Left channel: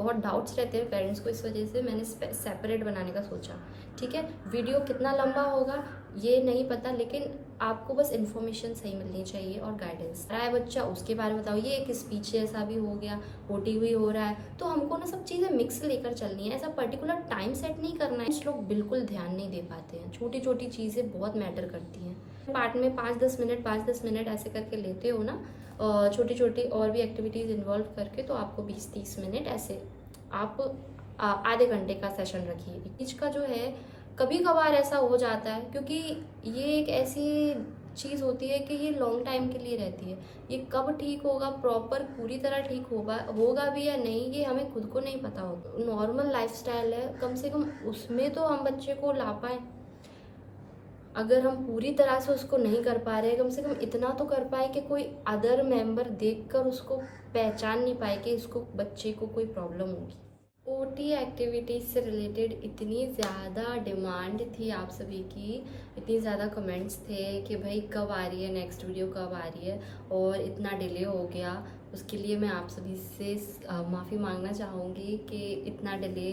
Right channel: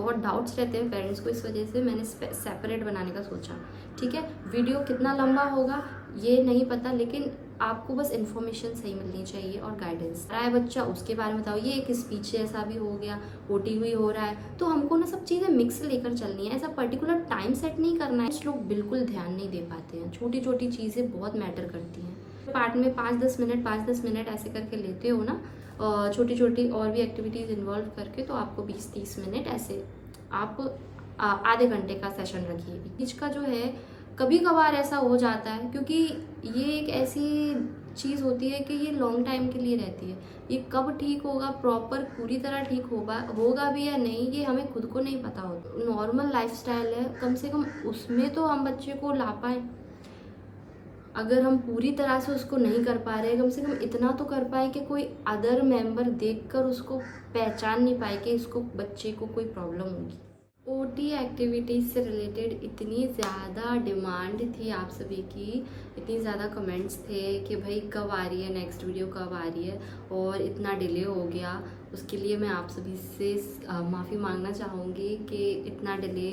बहुत डाउट्स रहते हैं पेरेंट्स को, इस वजह से मैंने सेपरेट बनाने का सोचा। ठीक है, वीडियो कितना लंबा होगा ये नहीं पता, लेकिन आपको बस इन्फॉर्मेशन सही मिलनी चाहिए और गाइडेंस। रहा है बच्चा उसके बारे में बताओ, ये एक स्पीच जैसा भी हो गया, ओटी हुई हो रहा है, तो हमको ना सब चीज़ें मिक्स लेकर चलनी है। ऐसा पर्टिकुलर टाइम सेट नहीं करना है। कुछ लोग बिल्कुल ध्यान नहीं दे पाते हैं, छोटी छोटी चीज़ें बहुत मैटर करती हैं। पार्ट में 5-10 मिनट ऐसे करके लेते हो ना, छोटी छोटी और भी एक्टिविटीज़ इन्वॉल्व करके, तो आपको 20-30 मिनट ऐसे आप आधे घंटे का सेशन रखिए। बीच का जो है कभी कभार ऐसा हो जाता है, क्योंकि ये एक ऐसी चीज़ होती है कि ये लॉन्ग टाइम के लिए रहती है। ये कब ठीक होगा, प्रॉपर पूरी तरह ठीक होगा भी या नहीं, ये हमें खुद को नहीं पता होता। नॉर्मल लाइफस्टाइल है, कम से कम उसमें तो हम बच्चे को ला पाए। अगर हम पूरी तरह से उसको नहीं कर पा रहे, कम से कम इतना तो कर पाए कि कोई अदर मेंबर देखकर उसको पहचान नहीं पाए कि इसको बच्चे को कोई प्रॉब्लम होगी। ओटी एक्टिविटीज़ से रिलेटेड इतनी ज़्यादा डिमांड थी आप सभी की, इतनी ज़्यादा कमेंट्स थे कि भाई कब आ रही है नेक्स्ट वीडियो, कब आ रही है, और इतना डिले हो गया। उसके लिए मैं आप सभी से माफ़ी मांगना चाहूँगी कि इतना डिले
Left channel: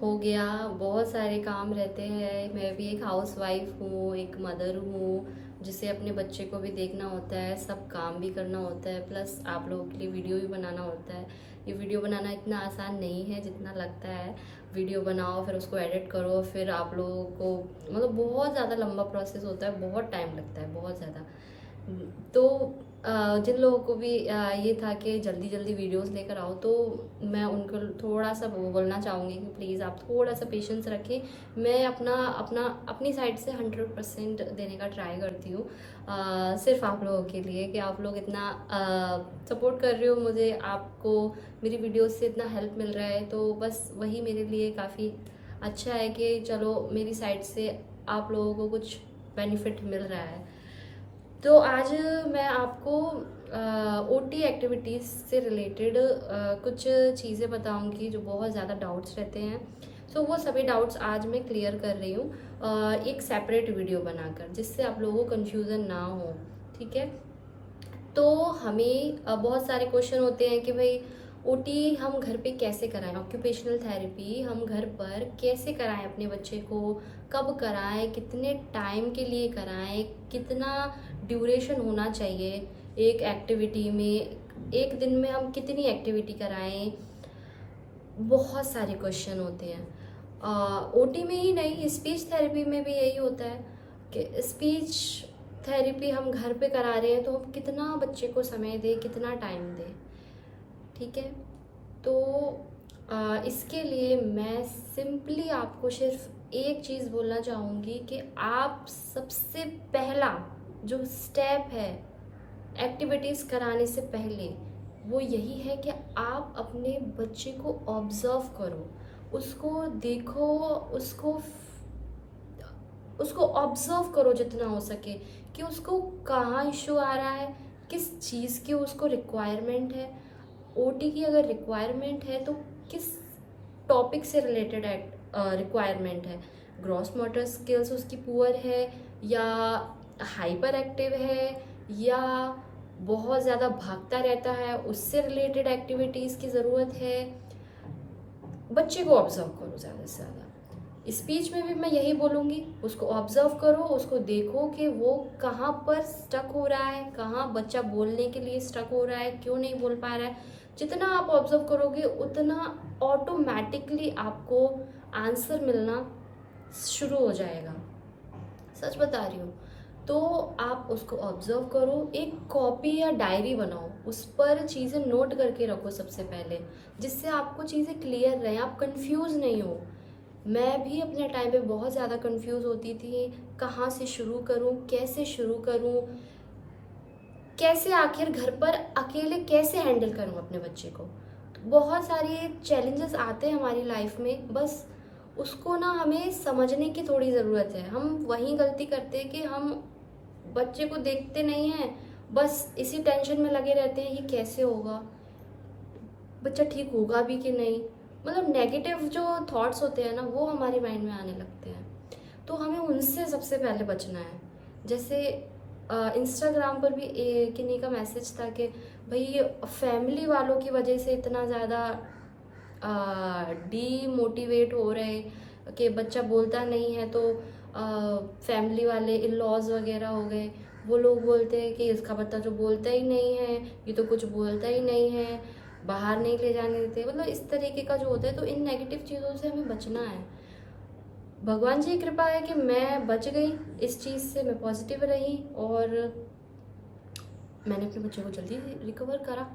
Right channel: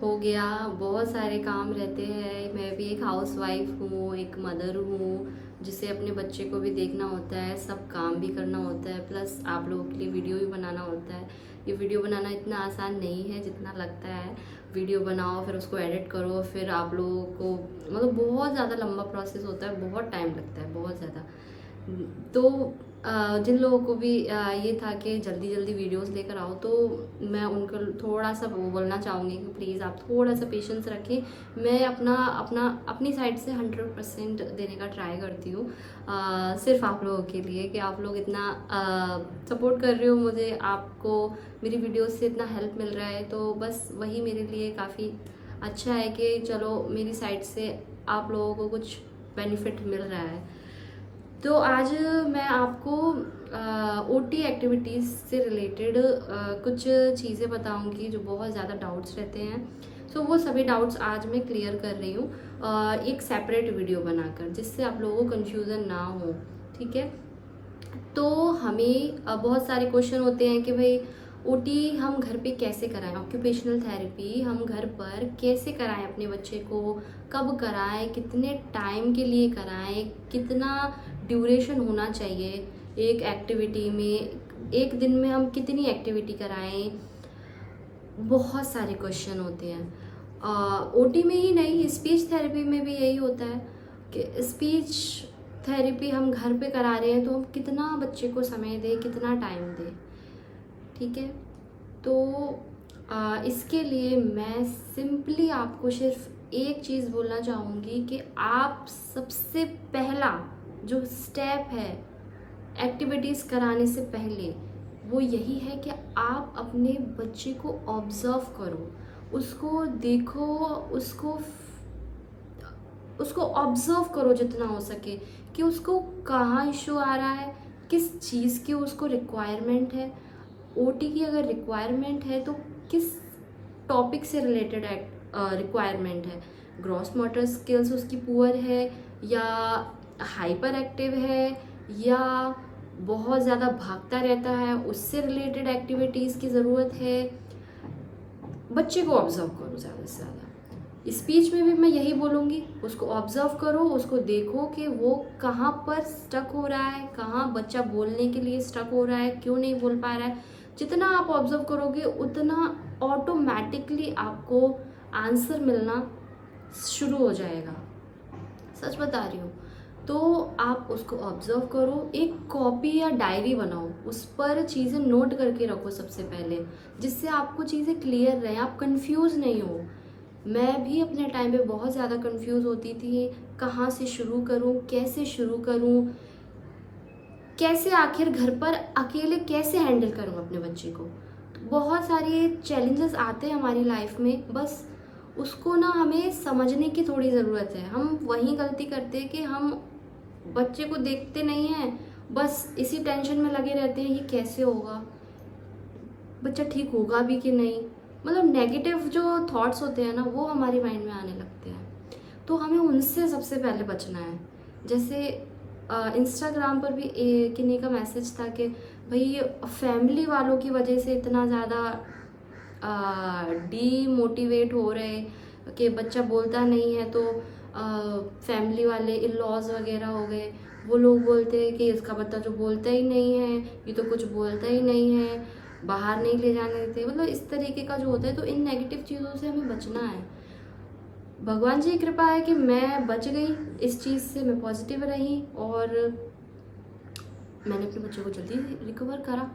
हो गया। बहुत सारे काम रहते हैं, मैं भी एक हाउसवाइफ हूँ, एक मदर हूँ, जिसे अपने बच्चे को भी देखना होता है, सब काम भी करना होता है, प्लस आप लोगों के लिए वीडियो भी बनाना होता है। ये वीडियो बनाना इतना आसान नहीं है जितना लगता है। वीडियो बनाओ, फिर उसको एडिट करो, फिर आप लोगों को मतलब बहुत ज़्यादा लंबा प्रोसेस होता है, बहुत टाइम लगता है, बहुत ज़्यादा। तो जिन लोगों को भी ये था कि जल्दी जल्दी वीडियोस लेकर आओ, तो मैं उनको थोड़ा सा वो बोलना चाहूँगी कि प्लीज़ आप थोड़ा सा पेशेंस रखें। मैं अपना अपना अपनी साइड से 100% देने का ट्राई करती हूँ, सिर्फ आप लोगों के लिए, कि आप लोग इतना सपोर्ट कर रहे हो मुझे, आपको मेरी वीडियोस से इतना हेल्प मिल रहा है, तो बस वही मेरे लिए काफ़ी अच्छा है कि चलो मेरी साइड से आप लोगों को कुछ बेनिफिट मिल रहा है। तो आज मैं आपको ओटी एक्टिविटीज़ से रिलेटेड कुछ चीज़ें बताऊंगी जो बहुत ज़्यादा डाउट्स रहते हैं। सो वो सभी डाउट्स आज मैं क्लियर कर रही हूँ एक सेपरेट वीडियो बनाकर, जिससे आप लोगों को कन्फ्यूज़न ना हो। ठीक है, तो हमें बहुत सारे क्वेश्चन होते हैं कि भाई ओटी हम घर पे कैसे कराएं, ऑक्यूपेशनल थेरेपी हम घर पर कैसे कराएं अपने बच्चे को, कब कराएं, कितने टाइम के लिए कराएं, कितना ड्यूरेशन होना चाहिए एक एक्टिविटी में, एक दिन में हम कितनी एक्टिविटी कराएं। बहुत सारे क्वेश्चन होते हैं। ओटी में ही नहीं, स्पीच थेरेपी में भी यही होता है कि स्पीच थेरेपी हम घर पे करा रहे हैं तो हम कितना बच्चे को समय दें, कितना टाइम दें। ठीक है, तो इसके लिए मैं सिंपली आपको सिर्फ एक चीज़ बोलना चाहूँगी कि आप सबसे पहला जो स्टेप है एक्टिविटीज़ कराने से पहले, वो यही है कि आप अपने बच्चे को ऑब्जर्व करो, उसको देखो, उसको उसको ऑब्जर्व करो जितना हो सके कि उसको कहाँ इशू आ रहा है, किस चीज़ की उसको रिक्वायरमेंट है। ओटी की अगर रिक्वायरमेंट है तो किस टॉपिक से रिलेटेड रिक्वायरमेंट है, ग्रॉस मोटर स्किल्स उसकी पुअर है, या हाइपर एक्टिव है, या बहुत ज़्यादा भागता रहता है, उससे रिलेटेड एक्टिविटीज़ की ज़रूरत है। बच्चे को ऑब्जर्व करो ज़्यादा से ज़्यादा। स्पीच में भी मैं यही बोलूँगी, उसको ऑब्जर्व करो, उसको देखो कि वो कहाँ पर स्टक हो रहा है, कहाँ बच्चा बोलने के लिए स्टक हो रहा है, क्यों नहीं बोल पा रहा है। जितना आप ऑब्जर्व करोगे उतना ऑटोमेटिकली आपको आंसर मिलना शुरू हो जाएगा, सच बता रही हूँ। तो आप उसको ऑब्जर्व करो, एक कॉपी या डायरी बनाओ, उस पर चीज़ें नोट करके रखो सबसे पहले, जिससे आपको चीज़ें क्लियर रहें, आप कंफ्यूज नहीं हो। मैं भी अपने टाइम पे बहुत ज़्यादा कंफ्यूज होती थी, कहाँ से शुरू करूँ, कैसे शुरू करूँ, कैसे आखिर घर पर अकेले कैसे हैंडल करूँ अपने बच्चे को। बहुत सारे चैलेंजेस आते हैं हमारी लाइफ में, बस उसको ना हमें समझने की थोड़ी ज़रूरत है। हम वही गलती करते हैं कि हम बच्चे को देखते नहीं हैं, बस इसी टेंशन में लगे रहते हैं, ये कैसे होगा, बच्चा ठीक होगा भी कि नहीं। मतलब नेगेटिव जो थॉट्स होते हैं ना, वो हमारे माइंड में आने लगते हैं, तो हमें उनसे सबसे पहले बचना है। जैसे इंस्टाग्राम पर भी किन्हीं का मैसेज था कि भाई फैमिली वालों की वजह से इतना ज़्यादा डीमोटिवेट हो रहे कि बच्चा बोलता नहीं है, तो फैमिली वाले इन लॉज वगैरह हो गए, वो लोग बोलते हैं कि इसका बच्चा जो बोलता ही नहीं है, ये तो कुछ बोलता ही नहीं है, बाहर नहीं ले जाने देते, मतलब इस तरीके का जो होता है। तो इन नेगेटिव चीज़ों से हमें बचना है। भगवान जी की कृपा है कि मैं बच गई इस चीज़ से, मैं पॉजिटिव रही और मैंने अपने बच्चे को जल्दी रिकवर करा।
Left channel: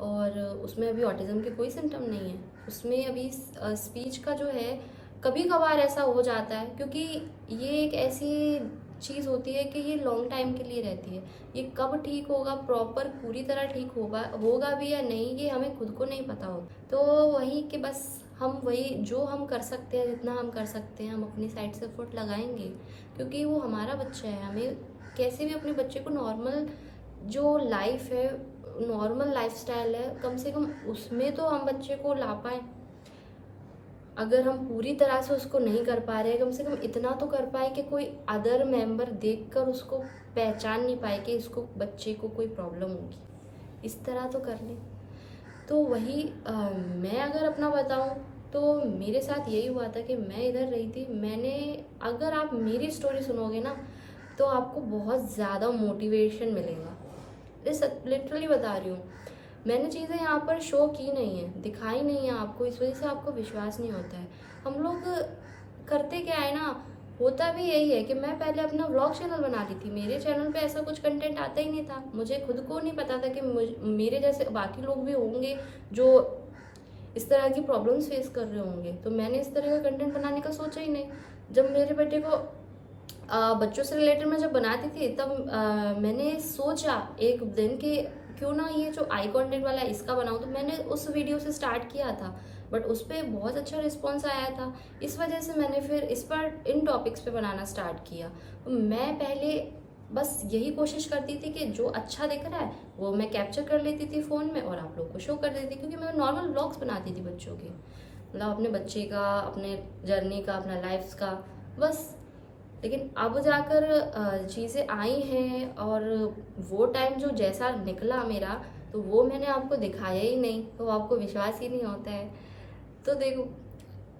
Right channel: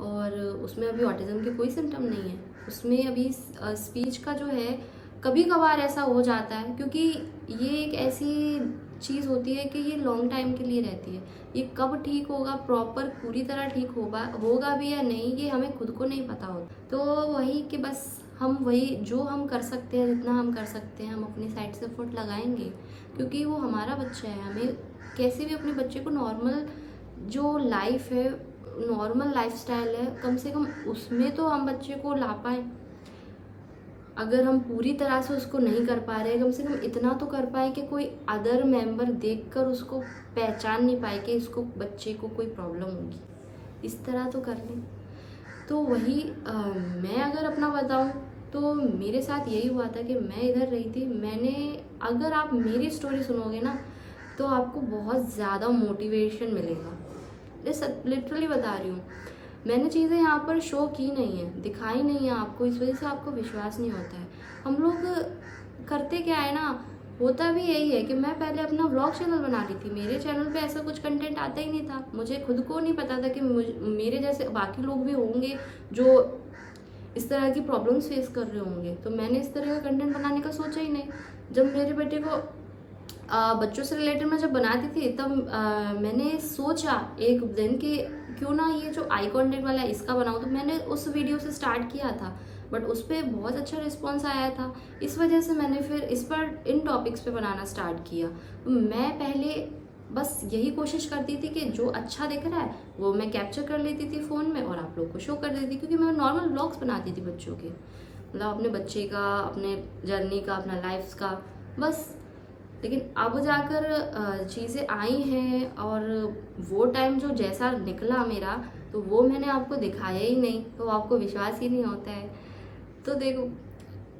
और उसमें अभी ऑटिज़म के कोई सिम्टम नहीं है, उसमें अभी स्पीच का जो है कभी कभार ऐसा हो जाता है, क्योंकि ये एक ऐसी चीज़ होती है कि ये लॉन्ग टाइम के लिए रहती है। ये कब ठीक होगा, प्रॉपर पूरी तरह ठीक होगा भी या नहीं, ये हमें खुद को नहीं पता होता। तो वही कि बस हम वही जो हम कर सकते हैं, जितना हम कर सकते हैं हम अपनी साइड से एफर्ट लगाएंगे, क्योंकि वो हमारा बच्चा है। हमें कैसे भी अपने बच्चे को नॉर्मल जो लाइफ है, नॉर्मल लाइफस्टाइल है, कम से कम उसमें तो हम बच्चे को ला पाए। अगर हम पूरी तरह से उसको नहीं कर पा रहे, कम से कम इतना तो कर पाए कि कोई अदर मेंबर देखकर उसको पहचान नहीं पाए कि इसको बच्चे को कोई प्रॉब्लम होगी, इस तरह तो कर लें। तो वही मैं अगर अपना बताऊं तो मेरे साथ यही हुआ था कि मैं इधर रही थी। मैंने, अगर आप मेरी स्टोरी सुनोगे ना तो आपको बहुत ज़्यादा मोटिवेशन मिलेगा। लिटरली बता रही हूँ, मैंने चीज़ें यहाँ पर शो की नहीं है, दिखाई नहीं है आपको, इस वजह से आपको विश्वास नहीं होता है। हम लोग करते क्या है ना, होता भी यही है कि मैं पहले अपना व्लॉग चैनल बना ली थी, मेरे चैनल पे ऐसा कुछ कंटेंट आता ही नहीं था। मुझे खुद को नहीं पता था कि मेरे जैसे बाकी लोग भी होंगे जो इस तरह की प्रॉब्लम्स फेस कर रहे होंगे, तो मैंने इस तरह का कंटेंट बनाने का सोचा ही नहीं। जब मेरे बेटे को बच्चों से रिलेटेड मैं जब बनाती थी तब मैंने सोचा एक दिन कि क्यों ना ये जो आई कॉन्टेक्ट वाला है इसका बनाऊं, तो मैंने उस वीडियो से स्टार्ट किया था, बट उस पर बहुत अच्छा रिस्पॉन्स आया था। इस वजह से मैंने फिर इस पर इन टॉपिक्स पे बनाना स्टार्ट किया। तो मैं पहले बस यही कोशिश करती थी कि जो अच्छा दिख रहा है वो मैं कैप्चर कर लेती थी फ़ोन में और आप लोग को शो कर देती थी, क्योंकि मैं नॉर्मल व्लॉग्स बनाती थी बच्चों के, मतलब अपने बच्चे का, अपने जर्नी का, अपना लाइफ का, बस। लेकिन अब जाकर चीज़ें आई हैं और वो टाइम जो जैसा निकला मेरा, तो वो मैंने आपको दिखाया ही नहीं, तो आपको विश्वास ही नहीं होता है। तो देखो,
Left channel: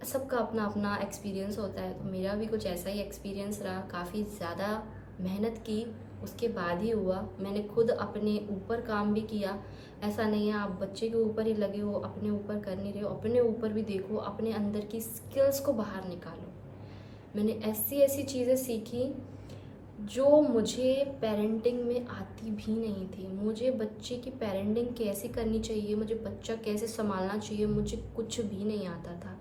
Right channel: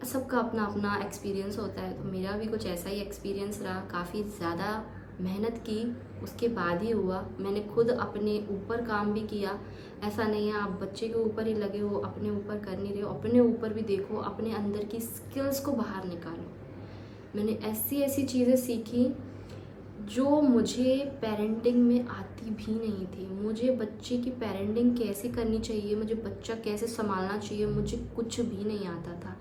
सबका अपना अपना एक्सपीरियंस होता है, तो मेरा भी कुछ ऐसा ही एक्सपीरियंस रहा। काफ़ी ज़्यादा मेहनत की, उसके बाद ही हुआ। मैंने खुद अपने ऊपर काम भी किया। ऐसा नहीं है आप बच्चे के ऊपर ही लगे हो, अपने ऊपर कर नहीं रहे हो, अपने ऊपर भी देखो, अपने अंदर की स्किल्स को बाहर निकालो। मैंने ऐसी ऐसी चीज़ें सीखी जो मुझे पेरेंटिंग में आती भी नहीं थी। मुझे बच्चे की पेरेंटिंग कैसे करनी चाहिए, मुझे बच्चा कैसे संभालना चाहिए, मुझे कुछ भी नहीं आता था।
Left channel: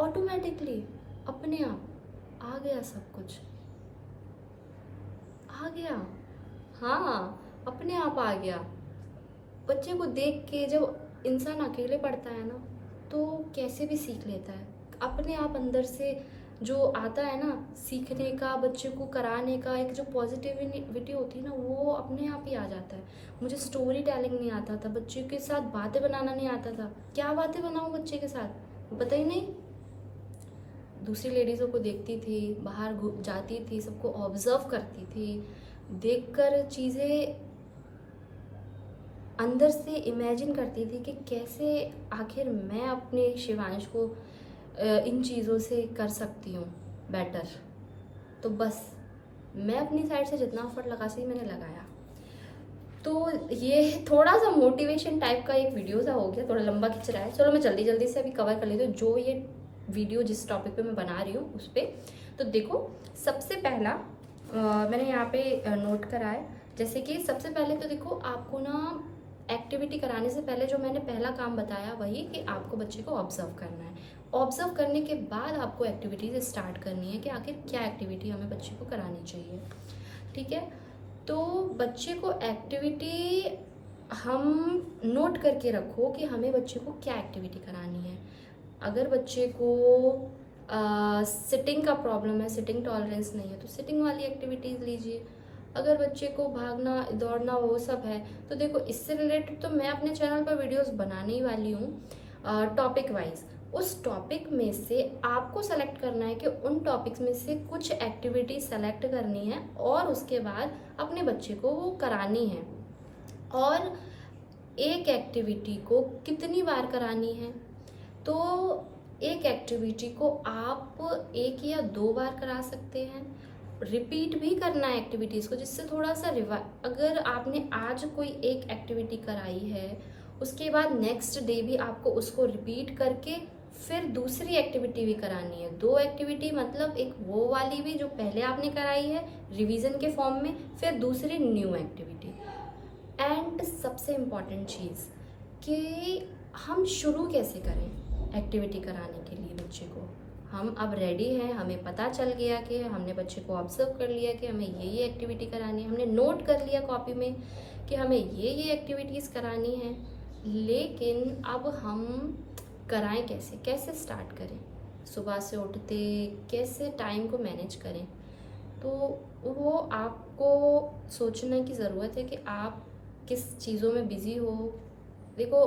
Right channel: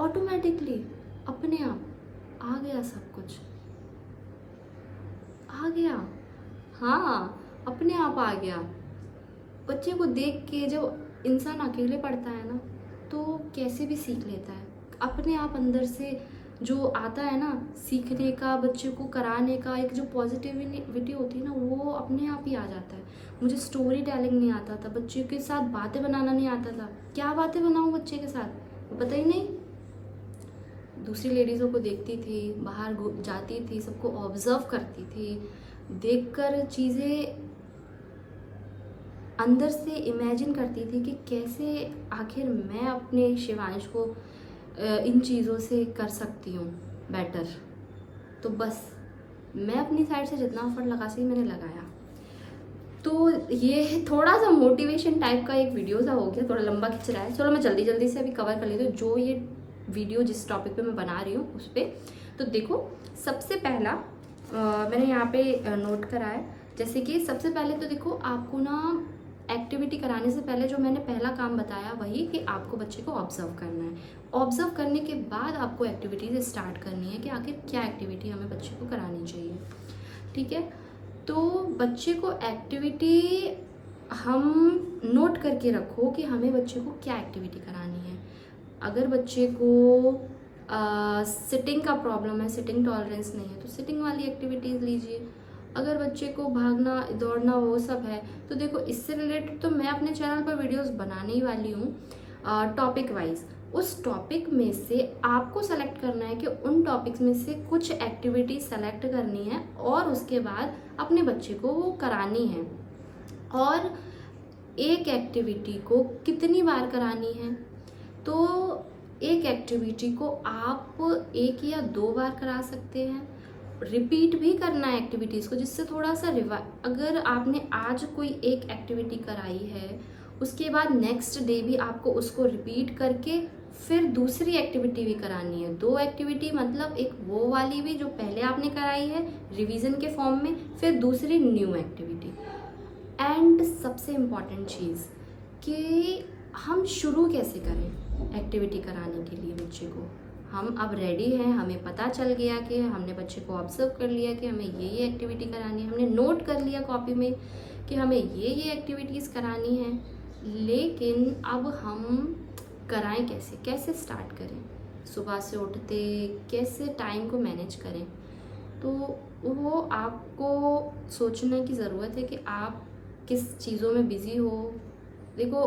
ऑटोमेटिकली अपने आप आ गया, सब कुछ आ गया। हाँ, अपने आप आ गया। बच्चे को देख के जब इंसान अकेले पढ़ता है ना, तो कैसे भी सीख लेता है। अपने आप अंदर से जो आता है ना सीखने का, बच्चे को कराने का, एक जो पॉजिटिविटी होती है ना, वो अपने आप ही आ जाता है। मुझे स्टोरी टेलिंग नहीं आता था, बच्चे के साथ बातें बनाना नहीं आता था। क्या बातें बनाऊँ बच्चे के साथ, पता ही नहीं। दूसरी लेडीज़ों को देखती थी, बाहर जाती थी, सबको ऑब्जर्व करती थी, देखकर चीज़ें अंदर से इमेजिन करती थी कि कैसे आखिर मैं अपने शिवांश को इन चीज़ों से कर सकती हूँ बेटर। तो बस मैं अपनी साइड से जितना एफर्ट लगा सकी मैंने लगाया। तो ये थोड़ा सा मोटिवेशन टाइप का एक वीडियो सा हो गया, थोड़ा लंबा खिंच रहा है। चलो मैं जल्दी जल्दी से अभी कवर कर लेती हूँ जो ये वीडियो जिस टॉपिक पे मैं बना रही हूँ उस पर। तो देखो, सबसे पहला मैंने यहाँ पे नोट करा है, जैसे कि सबसे पहले तो देखो, आपको ना एक्टिविटी कराने से पहले जो मैंने पहला काम बताया वही कि आपको बच्चे को ऑब्जर्व करना है। ऑब्जर्व करने के बाद आपको एक्टिविटीज स्टार्ट करनी है कि आखिर क्या एक्टिविटी हमें बच्चे को करानी चाहिए। ठीक है, तो बच्चे को एक्टिविटी हम नोट करके रखो कि हमें बच्चे को क्या एक्टिविटी करानी है। अगर बच्चे को सिटिंग का प्रॉब्लम है, सिटिंग टॉलरेंस नहीं है, तो सिटिंग वाली एक्टिविटीज़ लीजिए। अगर बच्चे को भागना दौड़ना वो सब है, तो देखो इससे रिलेटेड तो मैं अपने चैनल पर वीडियोस बनाने ही वाली हूँ टॉपिक वाइज। उस टॉपिक में से आपको सेलेक्ट करना है कि उन टॉपिक्स में से कुछ एक्टिविटी सेलेक्ट करनी है और उसके बाद अपने बच्चे को वो करानी है। और एक एक्टिविटी को कितनी बार करानी है, तो एक एक्टिविटी को आप 1 या 2 बार करा सकते हैं, रिपीट भी करना है एक्टिविटीज़ को, जिससे थोड़ा सा अगर आपने आज कोई एक एक्टिविटी कराई है, उसके बाद नेक्स्ट डे भी आपको उसको रिपीट करके फिर दूसरी एक्टिविटी भी करानी है। 2 एक्टिविटी मतलब एक वो वाली भी जो पहले आपने कराई है रिवीजन के फॉर्म में, फिर दूसरी न्यू एक्टिविटी। एंड सबसे इम्पॉर्टेंट चीज़ कि हम शुरू कैसे करें एक्टिविटी कराने के लिए बच्चे को। हम अब रेडी हैं, हमें पता चल गया कि हमने बच्चे को ऑब्जर्व कर लिया कि हमें ये एक्टिविटी करानी है, हमने नोट कर लिया कॉपी में कि हमें ये एक्टिविटीज़ करानी है, लेकिन अब हम कराएं कैसे, कैसे स्टार्ट करें, सुबह से उठते कैसे टाइम को मैनेज करें। तो वो आपको सोचने की ज़रूरत है कि आप किस चीज़ों में बिज़ी हो। देखो,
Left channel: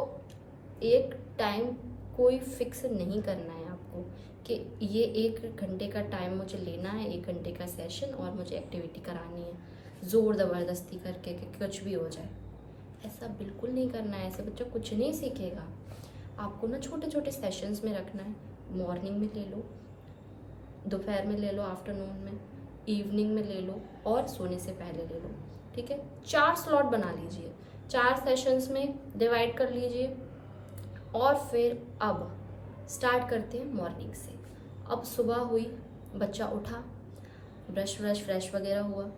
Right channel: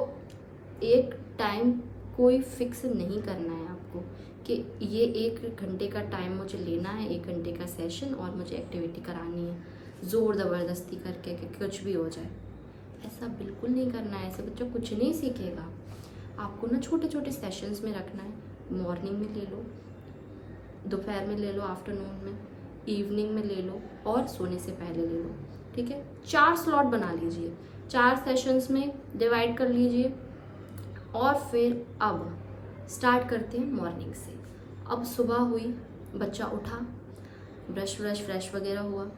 एक टाइम कोई फिक्स नहीं करना है आपको कि ये 1 घंटे का टाइम मुझे लेना है, 1 घंटे का सेशन और मुझे एक्टिविटी करानी है ज़ोर ज़बरदस्ती करके कि कुछ भी हो जाए। ऐसा बिल्कुल नहीं करना है, ऐसे बच्चा कुछ नहीं सीखेगा। आपको ना छोटे छोटे सेशंस में रखना है, मॉर्निंग में ले लो, दोपहर में ले लो, आफ्टरनून में, इवनिंग में ले लो और सोने से पहले ले लो। ठीक है, 4 स्लॉट बना लीजिए, 4 सेशंस में डिवाइड कर लीजिए। और फिर अब स्टार्ट करते हैं मॉर्निंग से। अब सुबह हुई, बच्चा उठा, ब्रश व्रश फ्रेश वगैरह हुआ,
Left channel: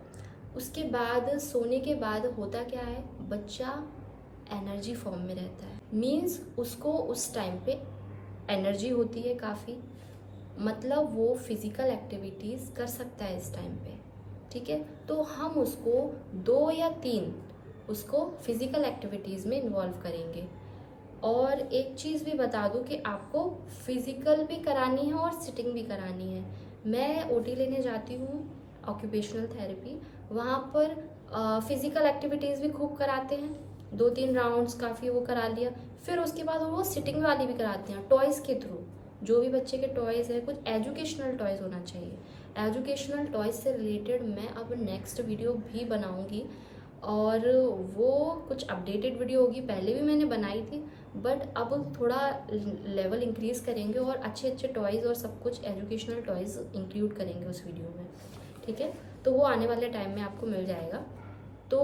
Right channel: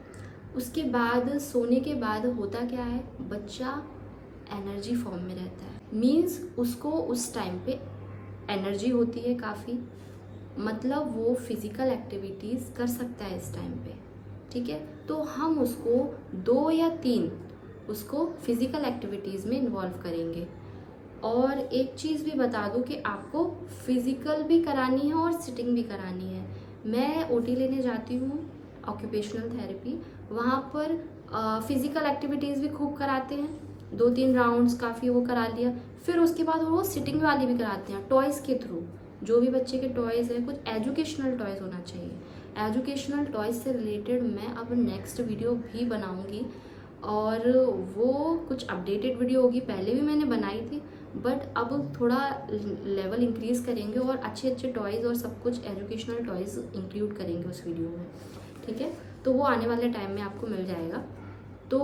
उसके बाद सोने के बाद होता क्या है, बच्चा एनर्जी फॉर्म में रहता है। मीन्स उसको उस टाइम पे एनर्जी होती है काफ़ी, मतलब वो फिज़िकल एक्टिविटीज़ कर सकता है इस टाइम पे। ठीक है, तो हम उसको 2 या 3 उसको फिज़िकल एक्टिविटीज़ में इन्वॉल्व करेंगे। और एक चीज़ भी बता दूं कि आपको फिज़िकल भी करानी है और सिटिंग भी करानी है। मैं ओटी लेने जाती हूँ, ऑक्यूपेशनल थेरेपी, वहाँ पर फिज़िकल एक्टिविटीज़ भी खूब कराते हैं, 2-3 राउंड्स काफ़ी वो करा लिया, फिर उसके बाद वो सिटिंग वाली भी कराते हैं टॉयज़ के थ्रू। जो भी बच्चे के टॉयज़ है, कुछ एजुकेशनल टॉयज़ होना चाहिए। एजुकेशनल टॉयज़ से रिलेटेड मैं अब नेक्स्ट वीडियो भी बनाऊंगी और वो कुछ अपडेटेड वीडियो होगी। पहले भी मैंने बनाई थी, बट अब थोड़ा लेवल इंक्रीज़ करेंगे और अच्छे अच्छे टॉयज़ और सब कुछ एजुकेशनल टॉयज़ इंक्लूड करेंगे उस वीडियो में। ठीक है, तो वो आने वाले टाइम में आपको मिल जाएगा। तो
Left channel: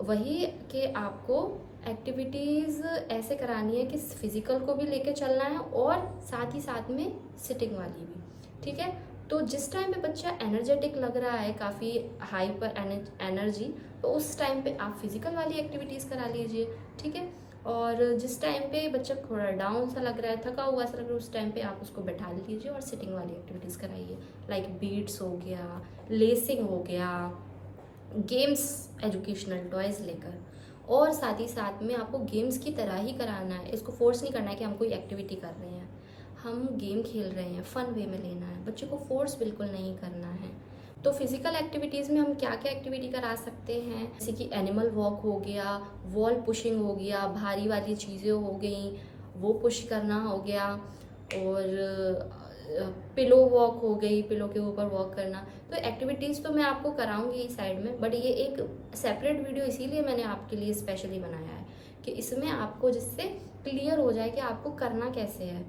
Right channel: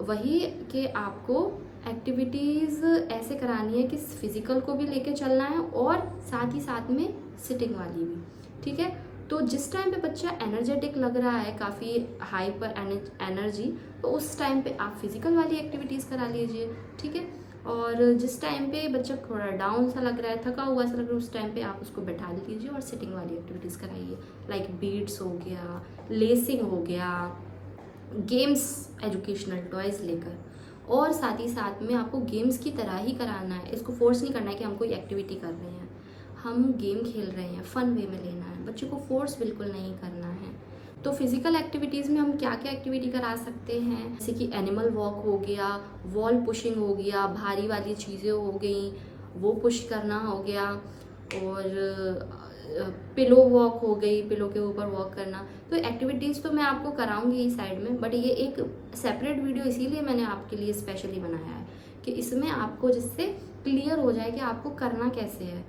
वही कि आपको एक्टिविटीज़ ऐसे करानी है कि फिज़िकल को भी लेके चलना है और साथ ही साथ में सिटिंग वाली भी। ठीक है, तो जिस टाइम पे बच्चा एनर्जेटिक लग रहा है, काफ़ी हाई पर एनर्जी, तो उस टाइम पे आप फिज़िकल वाली एक्टिविटीज़ करा लीजिए। ठीक है, और जिस टाइम पे बच्चा थोड़ा डाउन सा लग रहा है, थका हुआ सा लग रहा है, उस टाइम पे आप उसको बैठा लीजिए और सिटिंग वाली एक्टिविटीज़ कराइए, लाइक बीट्स हो गया, लेसिंग हो गया, गेम्स, एजुकेशनल टॉयज़ लेकर। और साथ ही साथ में आपको गेम्स की तरह ही कराना है, इसको फोर्स नहीं करना है कि हम कोई एक्टिविटी कर रहे हैं, हम गेम खेल रहे हैं, फ़न वे में लेना है, बच्चे को फोर्स बिल्कुल नहीं करना है। तो फिज़िकल एक्टिविटीज़ में हम क्या क्या एक्टिविटी करा सकते हैं, जैसे कि एनिमल वॉक हो गया, वॉल पुशिंग हो गया, भारी वाली चीज़ें हो गई वो पुश करना हो गया, और पिलो वॉक हो गई, पिलो के ऊपर वॉक करना। तो एक्टिविटीज़ तो मैं आपको कराऊंगी इस साइड में, बट ये एक सेपरेट वीडियो इसीलिए मैंने आपके लिए स्पेशली बनाया है कि इसमें आपको जिससे क्लियर हो जाए कि आपको करना कैसे है।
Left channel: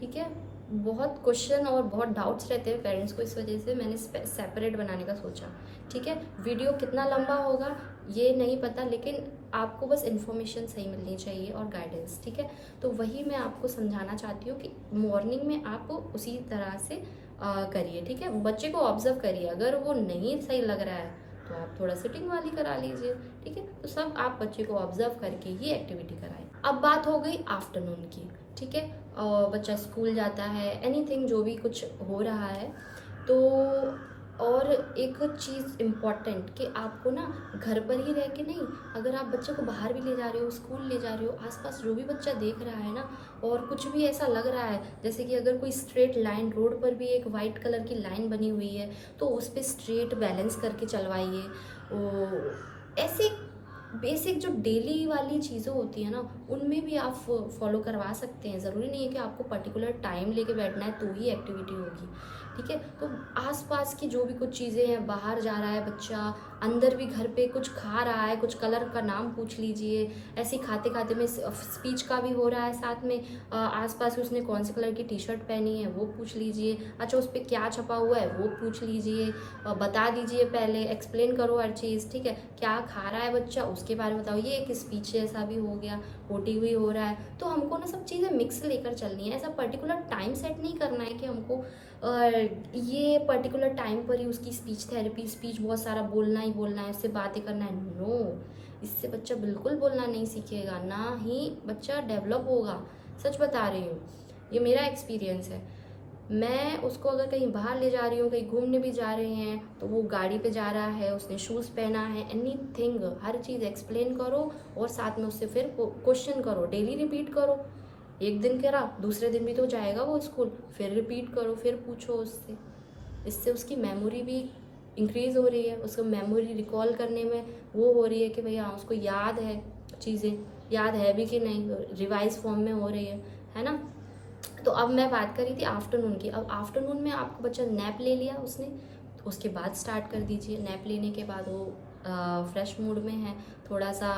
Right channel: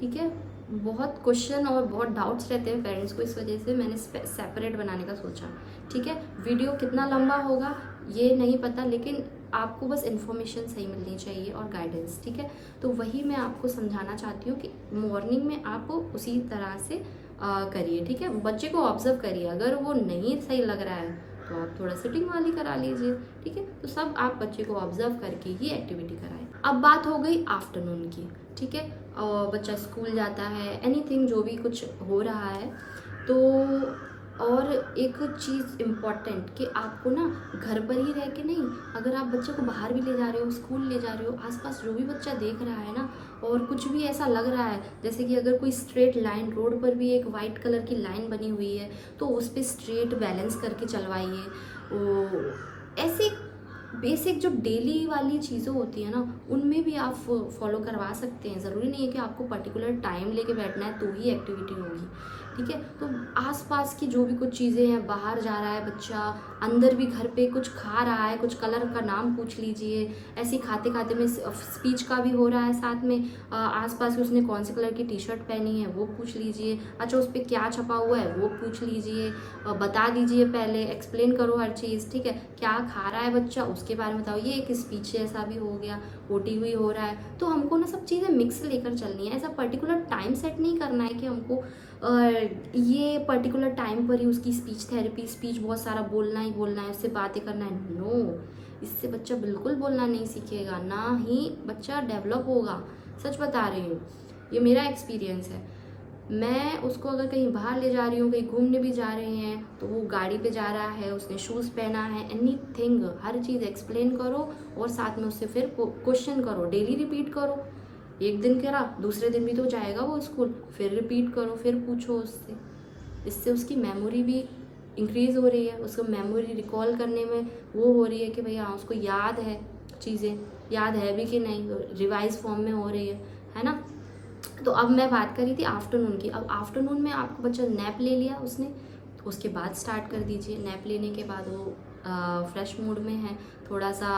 ठीक है, बहुत क्वेश्चन और बहुत डाउट्स रहते हैं पेरेंट्स को, इस वजह से मैंने सेपरेट बनाने का सोचा। ठीक है, वीडियो कितना लंबा होगा ये नहीं पता, लेकिन आपको बस इन्फॉर्मेशन सही मिलनी चाहिए और गाइडेंस। ठीक है, तो वही मैं आपको समझाना चाहती हूँ कि मॉर्निंग में आप उसी तरह से करिए। ठीक है, बच्चे को ऑब्जर्व करिए, अगर वो नहीं सही लग रहा है तो आप थोड़ा सिटिंग वाली करा लीजिए। ठीक है, तो सब आप बच्चे को ऑब्जर्व करके ही एक्टिविटी कराएं। अब बात हो गई आफ्टरनून की। ठीक है, बच्चा स्कूल जाता है, एनीथिंग जो भी कुछ हो रहा है, तो और एक चीज़ इम्पॉर्टेंट कि आपको ना घर पर ही रह के नहीं, अगर आप बच्चे को बाहर भी ले जा रहे हो, स्कूल ले जा रहे हो, आसपास जो भी बच्चा देख रहा है ना, और कुछ भी ऐसा लग रहा है जैसे कि अगर कोई स्ट्रेट लाइन, रोड पर भी एक वाइट कलर की लाइन बनी हुई है तो उस पर स्ट्रेट बैलेंस करके चलवाइए। ऐसी बेसिक जो डेली वाली चीज़ें होती है ना, उनमें भी आप फॉलो करवा सकते हैं। ज़रूरी नहीं है कि आपको पर्टिकुलर टाइम लेके बैठना है तो ही एक्टिविटी होगी। ठीक है, तो आसपास की जो भी कुछ चीज़ें हैं, बाहर जा रहा है बच्चा, अंदर भी घर पे कुछ खा रहा है, कुछ कलर का नाम पूछ लीजिए, ऐसे खाते खाते में स्पीच का भी हो रहा है, साथ में आसपास उसने कौन से कलर की टी शर्ट पहनी है वो पूछ लीजिए, अच्छा उस पर क्या छपा हुआ है वो पूछ लीजिए, बता दीजिए, पहले एक्सप्लेन करो हर चीज़, ठीक है। क्या खा रहा है बच्चा उसके बारे में बताओ, ये एक स्पीच जैसा भी हो गया, ओटी हुई हो रहा है। तो हमको ना सब चीज़ें मिक्स लेकर चलनी है, ऐसा पर्टिकुलर टाइम सेट नहीं करना है कि हमको ये पर्टिकुलर टाइम पर ही उसकी स्पीच थेरेपी, स्पीच बहुत सारा बोलना ही बोलना है, उससे बातें करना है। नो, इससे बच्चा बिल्कुल बोलना नहीं सीखेगा, ना ही बच्चा डेवलप होगा। सच बता रही हूँ, ये मेरा एक्सपीरियंस है। मैं उसको अगर कहीं बाहर ले जा रही हूँ, कहीं घूमने भी जा रहे हैं, तो वो गाड़ी पे जा रहा है, उसने शूज़ पहना है, एनीथिंग, हर चीज़ एक्सप्लेन करो और साथ में उससे फिर क्वेश्चन करो, डेली रिपीट करो। एक दिन करा, दूसरे दिन भी तो जाएगा वो स्कूल, फिर रिपीट करो, फिर पूछो उससे। इससे उसकी मेमोरी भी इंक्रीज़ हो रही है, उसको मेमोरी रिकॉल करने में वो हो रही है कि भैया हाँ उसको याद है, चीज़ें याद है भी कि नहीं, तो रिवाइज फॉर्म में हो रही है ना। तो अब मैं बात कर रही थी आफ्टरनून की। अब आफ्टरनून में आपको बच्चा नैप ले लिया उसने, तो उसके बाद स्टार्ट कर दीजिए। नैप लेने के बाद वो फ्रेश मूड में है, थोड़ा सा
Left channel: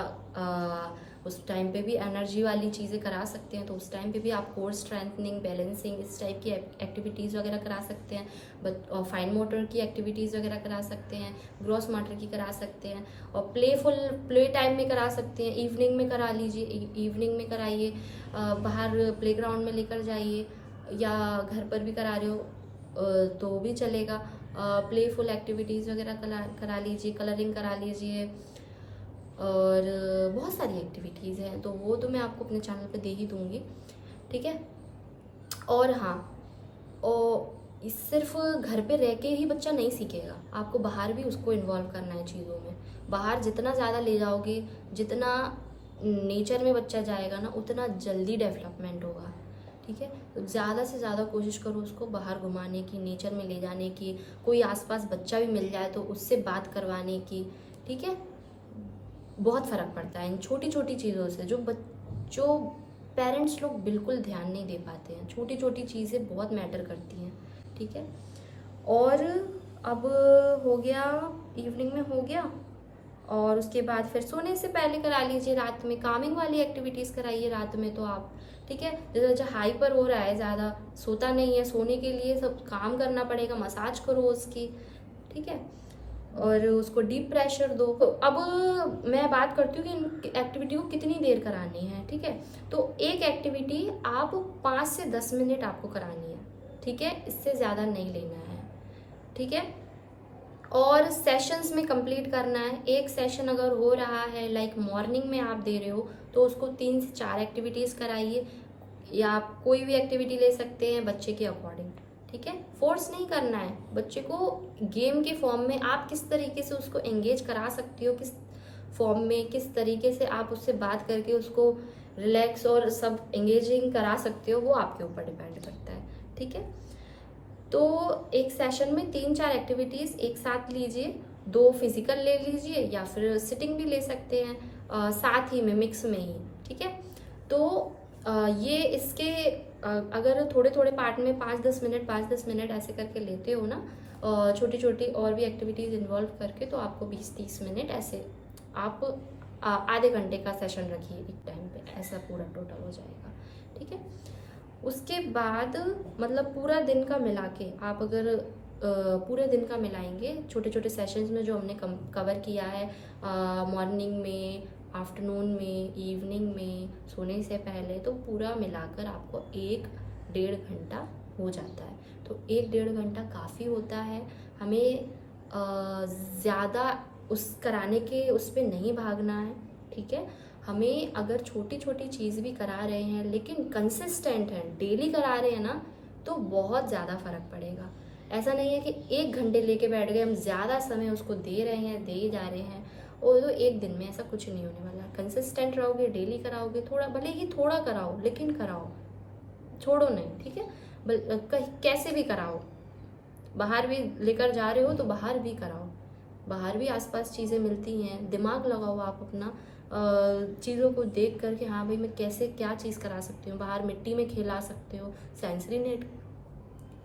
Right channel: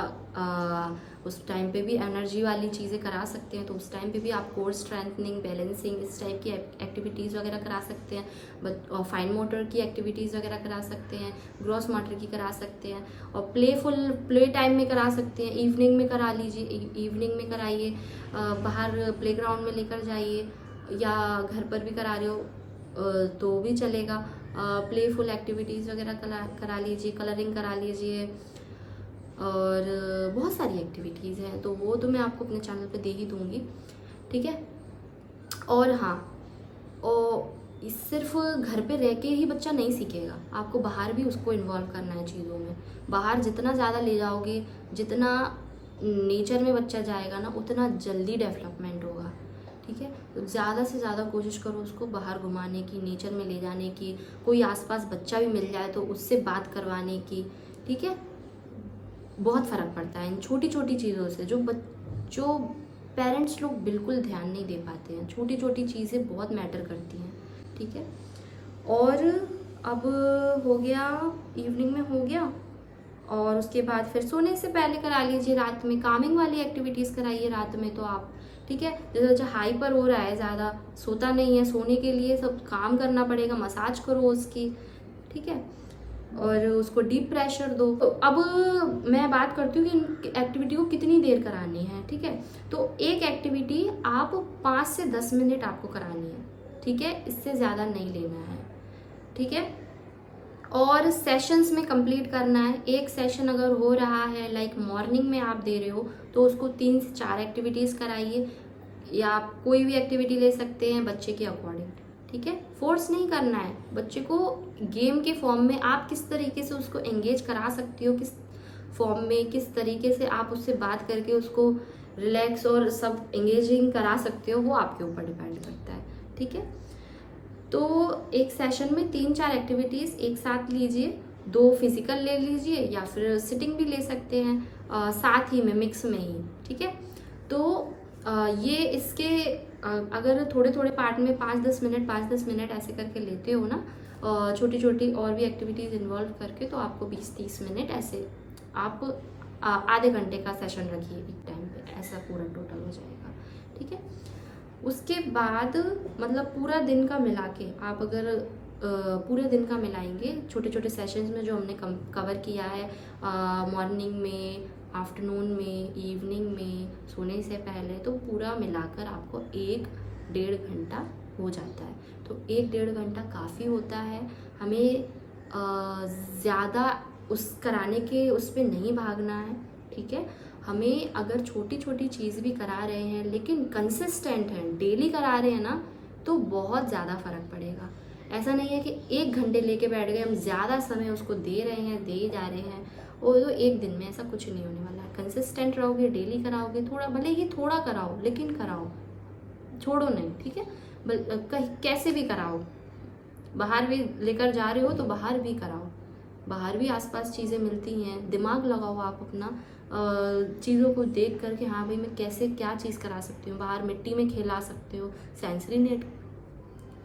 उस टाइम पे भी एनर्जी वाली चीज़ें करा सकते हैं, तो उस टाइम पे भी आप कोर स्ट्रेंथनिंग, बैलेंसिंग, इस टाइप की एक्टिविटीज़ वगैरह करा सकते हैं। बट फाइन मोटर की एक्टिविटीज़ वगैरह करा सकते हैं, ग्रॉस मोटर की करा सकते हैं, और प्लेफुल प्ले टाइम में करा सकते हैं। इवनिंग में करा लीजिए, इवनिंग में कराइए, बाहर प्लेग्राउंड में लेकर जाइए, या घर पर भी करा रहे हो तो भी चलेगा। प्लेफुल एक्टिविटीज़ वगैरह करा लीजिए, कलरिंग करा लीजिए, और बहुत सारी एक्टिविटीज़ हैं, तो वो तो मैं आपको अपने चैनल पे दे ही दूँगी, ठीक है। और हाँ, और सिर्फ घर पे रह के ही बच्चा नहीं सीखेगा, आपको बाहर भी उसको इन्वॉल्व करना है चीज़ों में। बाहर जितना ज़्यादा ले जाओगे, जितना नेचर में बच्चा जाएगा ना, उतना जल्दी डेवलपमेंट होगा, ठीक है। तो ज़्यादा से ज़्यादा कोशिश करो उसको बाहर घुमाने की, नेचर में ले जाने की, कोई आसपास बच्चा भी मिल जाए तो उससे बात करवाने की, ठीक है। बहुत फ़र्क पड़ता है इन छोटी छोटी चीज़ों से, जो पेरेंट्स लोग बिल्कुल ध्यान नहीं दे पाते हैं। छोटी छोटी चीज़ें बहुत मैटर करती हैं, ठीक है। और अब हो गया, इवनिंग में हो गया, और उसके बाद फिर सोने से पहले करा लीजिए, रात में कामिंग वाली एक्टिविटीज़ कराइए रात में, तो आप, ठीक है। जैसे बच्चा हाइपर हो रहा है, ज़्यादा सोता नहीं है, सोने के लिए सब काम करना पड़ेगा, मसाज करो उसकी, ठीक है, और उसको डीप प्रेशर दो। तो अब मैं बात करती हूँ कि इन एक्टिविटी को कितनी देर करानी है, ठीक है। तो एक एक्टिविटी आप 5 से 10 मिनट आपको करानी है, ठीक है, इससे ज़्यादा नहीं लेना है, ठीक है। और सेशंस में कंप्लीट करना है। एक सेशन अगर हो रहा है, लाइक मॉर्निंग में आप दे रहे हो, तो उसको 3 से 4 एक्टिविटीज़ कराइए, या आप कोई भी एक्टिविटी ले सकते हैं बच्चे के अकॉर्डिंग, ठीक है। फोर्स नहीं करना है बच्चे को, गेम के फॉर्म में आप किस तरीके से उसको एंगेज करा सकते हो, किस फॉर्म में, किस तरीके से आप उससे बात करके उसको रिलैक्स और सब एंगेजिंग करा सकते हो, वो आपके ऊपर डिपेंड करता है, ठीक है। तो एक सेशन में 3-4 एक्टिविटीज़ एक साथ लीजिए, 2 फिजिकल ले लीजिए या फिर सिटिंग भी ले सकते हैं, साथ ही में मिक्स में ही, ठीक है। तो ये इसके अगर थोड़े थोड़े पार्ट में 5-10 मिनट ऐसे करके लेते हो ना, छोटी छोटी और भी एक्टिविटीज़ इन्वॉल्व करके, तो आपको 20-30 मिनट ऐसे आप आधे घंटे का सेशन रखिए एक टाइम पे, ऐसा पूरा टोटल हो जाएगा, ठीक है। उसके बाद मतलब पूरा दिन का मिला के आप अगर पूरे दिन का मिलाएंगे छोटे छोटे सेशंस में जो हमने कवर किया है, मॉर्निंग में, आफ्टरनून में, इवनिंग में, सोने से पहले, तो पूरा मिलाकर आपको 1-1.5 घंटा हो जाता है। तो 1-1.5 घंटा काफ़ी होता है। हमें ज़्यादा उस कराने के उस पर नहीं भागना है, ठीक है। हमें अगर छोटी छोटी चीज़ भी करा रहे हैं लेकिन कंसिस्टेंट हैं, डेली करा रहे हैं ना, तो बहुत ज़्यादा फ़र्क पड़ेगा। ऐसा नहीं है कि 1 घंटे लेके बैठ गए, हम ज़्यादा समय उसको दे रहे हैं, दे ही जा रहे हैं, और तो एक दिन में ऐसा कुछ नहीं होने वाला। कंसिस्टेंट रहोगे, डेली कराओगे, थोड़ा भले ही थोड़ा कराओ लेकिन कराओ, छोड़ो नहीं, ठीक है। कैसे भी कराओ, बाहर भी लेकर जा रहे हो तो बाहर भी कराओ, बाहर भी आसपास चीज़ें मिलती हैं, दिमाग लगाओ आप अपना, चीज़ों को देख कर कि हाँ भाई मैं कैसे क्या चीज़ करा सकती हूँ। बाहर मिट्टी में खेला सकते हो, सेंसरी नेट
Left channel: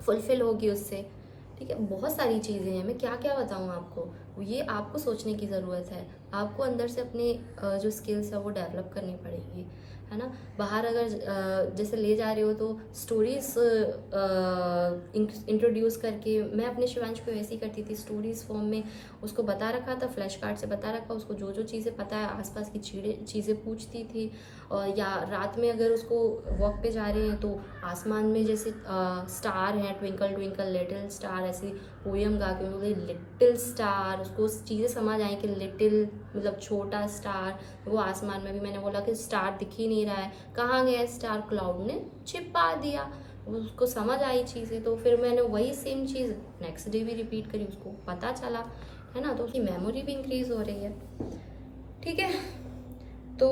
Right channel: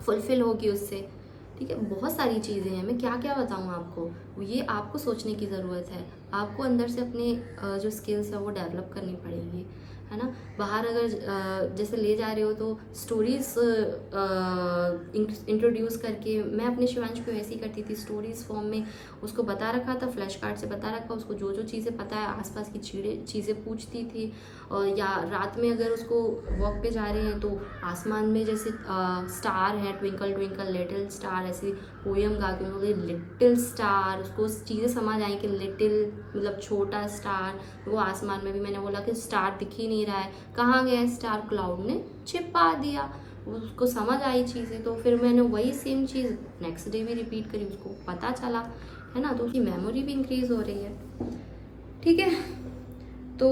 फुलफिल होगी उससे, ठीक है, बहुत सारी चीज़ें हैं, मैं क्या क्या बताऊँ आपको, ये आपको सोचने की ज़रूरत है, आपको अंदर से अपने जो स्किल्स है वो डेवलप करनी पड़ेगी, है ना। बाहर अगर जैसे ले जा रहे हो तो स्टोरीज इंट्रोड्यूस करके, मैं अपने शिवांश को ऐसे ही करती थी, स्टोरीज फॉर्म में उसको बता रखा था, फ्लैश कार्ड से बता रखा, उसको जो जो चीज़ें पता है आसपास की चीज़ें पूछती थी। और या रात में अगर उसको वॉक पे जा रहे हैं तो आसमान में जैसे स्टार है, ट्विंकल ट्विंकल लिटिल स्टार, ऐसी पोयम गा के बोले लिटिल स्टार, उसको चीज़ें समझ आई कि लिटिल मतलब छोटा स्टार। वो आसमान में भी मैंने बोला कि स्टार दिख ही नहीं रहा है, कहाँ गया स्टार, क्लाउड ने छिपा दिया, उसको समझ आई चीज़ें। तो फिर मैंने वही सेम चीज़ नेक्स्ट डे भी रिपीट करी, उसको पता चला, है ना। तो उसकी मेमोरी भी इंक्रीज हो रही है, ठीक है। तो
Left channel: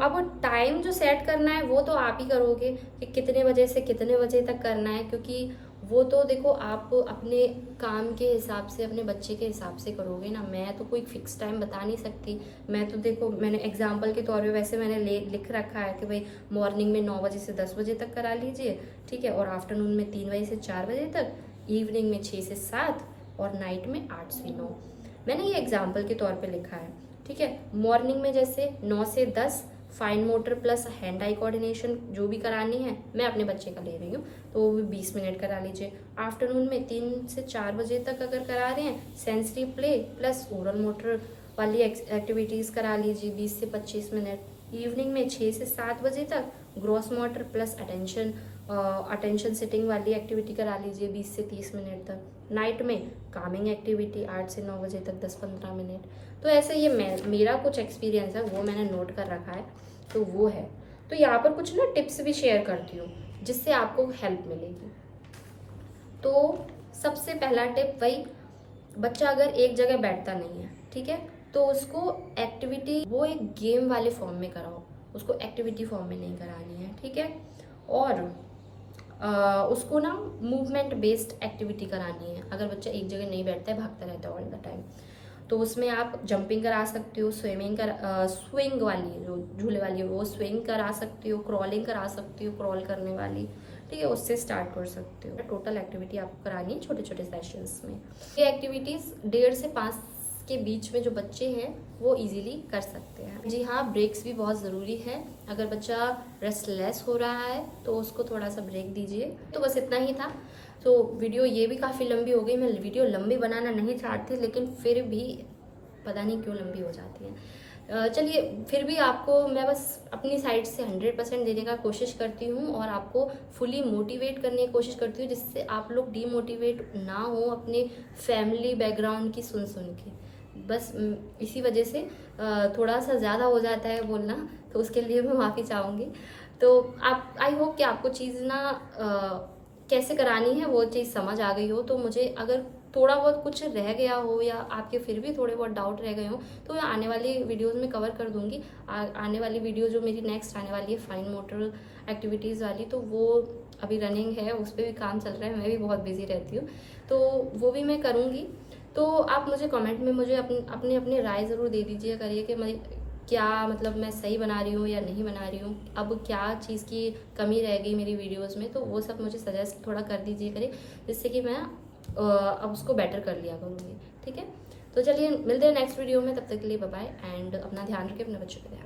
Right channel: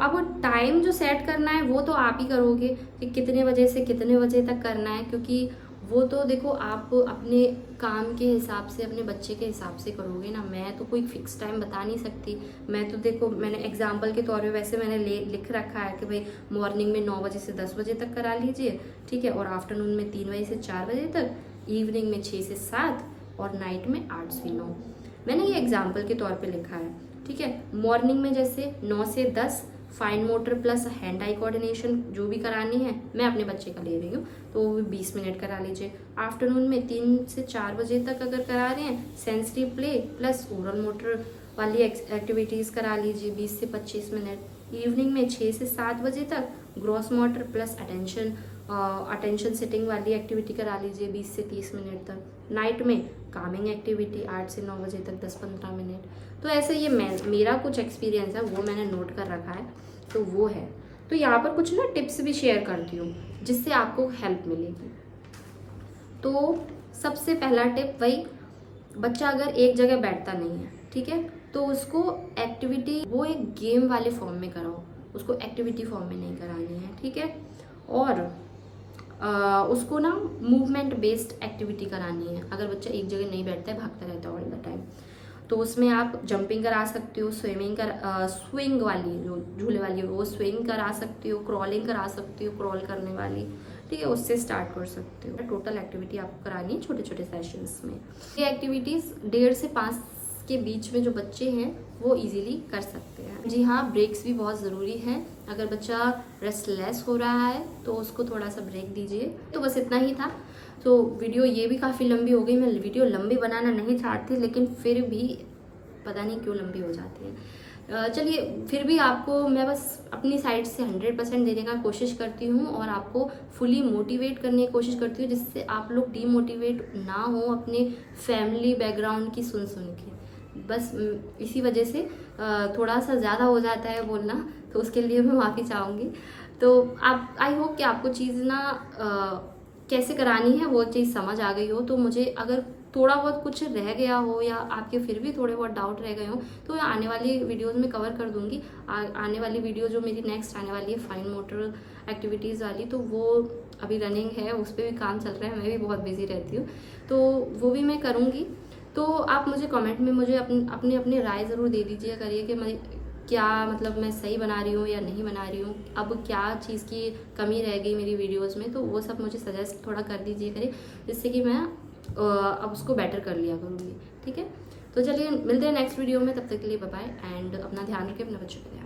अब टाइम जो सेट करना है वो तो आप ही करोगे कि कितने बजे से कितने बजे तक करना है, क्योंकि वो तो देखो आप अपने काम के हिसाब से, अपने बच्चे के हिसाब से करोगे ना। मैं तो कोई फिक्स टाइम बता नहीं सकती। मैं तो देखो, मैंने एग्जाम्पल के तौर पे वैसे मैंने लिख रखा है कि भाई मॉर्निंग में 9 बजे से 10 बजे तक करा लीजिए, ठीक है, और आफ्टरनून में 3 बजे से 4 बजे तक, इवनिंग में 6 से 7 और नाइट में 8 से 9। मैंने ये एग्जाम्पल के तौर पर लिखा है, ठीक है। मॉर्निंग में जैसे 9 से 10 fine motor plus hand eye coordination जो भी करानी है, मैं अपने बच्चे का ले रही हूँ तो वो भी 20 मिनट करा लीजिए। आफ्टरनून में 3 से 4 बजे तक अगर करा रहे हैं, sensory play plus oral motor वाली एक्टिविटीज़ करा लीजिए 20 से 25 मिनट। इवनिंग में 6 से 7 बजे तक gross motor plus attention sitting वाली एक्टिविटी करा लीजिए 20 से 30 मिनट तक। नाइट में कामिंग एक्टिविटी 8 से 9 बजे तक 10-15 मिनट। तो ऐसे ये मेरा कुछ एक्सपीरियंस है, वो मैंने नोट कर रखा है, तो वो है। तो यहाँ पर कुछ ना टिप्स भी शेयर करती हूँ जिससे आपको हेल्प मिलेगी। तो सबसे पहला टिप वही, बच्चा अगर एक जगह बैठता नहीं है, ठीक है, तो उसको एक्टिविटी वो एक गेम वाले फॉर्म में कराओ, उसको एक्टिविटी फॉर्म में नहीं करानी है, ठीक है। और उसको ना मूवमेंट बेस्ड एक्टिविटी करानी है। अगर बच्चा एक जगह नहीं बैठता है, भागता रहता है ऑल द टाइम, तो उसमें आप जंपिंग करा सकते हो, स्विंग वाली जो झूले वाली है वो स्विंग करा सकते हो, क्रॉलिंग करा सकते हो, क्रॉल करने वाली, ठीक है, उससे स्टार्ट कर सकते हो। टोटल एक्टिविटी आपको करानी है छोटे छोटे सेशंस में। ये एक्टिविटीज़ 1.5 से 5 के बीच में जो बच्चे हैं वो इजीली कर सकते हैं। जी हाँ, ब्रेक्स भी बहुत ज़रूरी है। अगर बच्चा रेस्टलेस हो रहा है तो उसको थोड़ा सा ब्रेक दीजिए। तो बस इतना ही था। तो वीडियो ये भी काफ़ी लंबी हो गई। मैं वीडियो लंबी बनाना नहीं चाहती, लेकिन फिर भी पता नहीं क्यों लंबी हो जाती है। चलिए, फिर भी आपको मैं बस अपनी साइड से 100% देने का कोशिश करती हूँ और आपको फुली मोटिवेट करने की कोशिश करती हूँ, जिससे आप लोग डीमोटिवेट ना हो अपने फैमिली बैकग्राउंड की सुन के। बस इसी वजह से थोड़ा सा ज़्यादा हो जाता है बोलना, तो उसके लिए मैं माफ़ी चाहूँगी। तो आप, आई होप कि आपको चीज़ ना कैसे करानी है वो चीज़ समझ आ गई हो। तो मुझे अगर थोड़ा बहुत कुछ रह गया हो या आपके फिर भी थोड़े बहुत डाउट रह गए हो तो मैं आने वाली वीडियोज़ में कवर कर दूँगी। आने वाली वीडियो जो मेरी नेक्स्ट आने वाली है फाइन मोटर एक्टिविटीज़ वाली, तो वो अभी रनिंग है, उस पर भी काम चल रहा है, मैं भी बहुत बिजी रहती हूँ, तो वो भी मैं करूँगी। तो आप मुझे कमेंट में मुझे अपनी राय ज़रूर दे दीजिए करिए कि मैं क्या, मतलब मैं सही बना रही हूँ या नहीं बना रही हूँ, अब क्या चीज़ की कमी रह गई मेरी वीडियोस में, तो वो सब मुझे सजेस्ट थोड़ा कर दीजिए करिए, जिससे कि मैं अब उसको बेटर कर लिया करूँगी, ठीक है। तो चलिए मिलते हैं नेक्स्ट वीडियो में, तब तक के लिए बाय बाय एंड अपना ध्यान रखें, अपने बच्चों का ध्यान।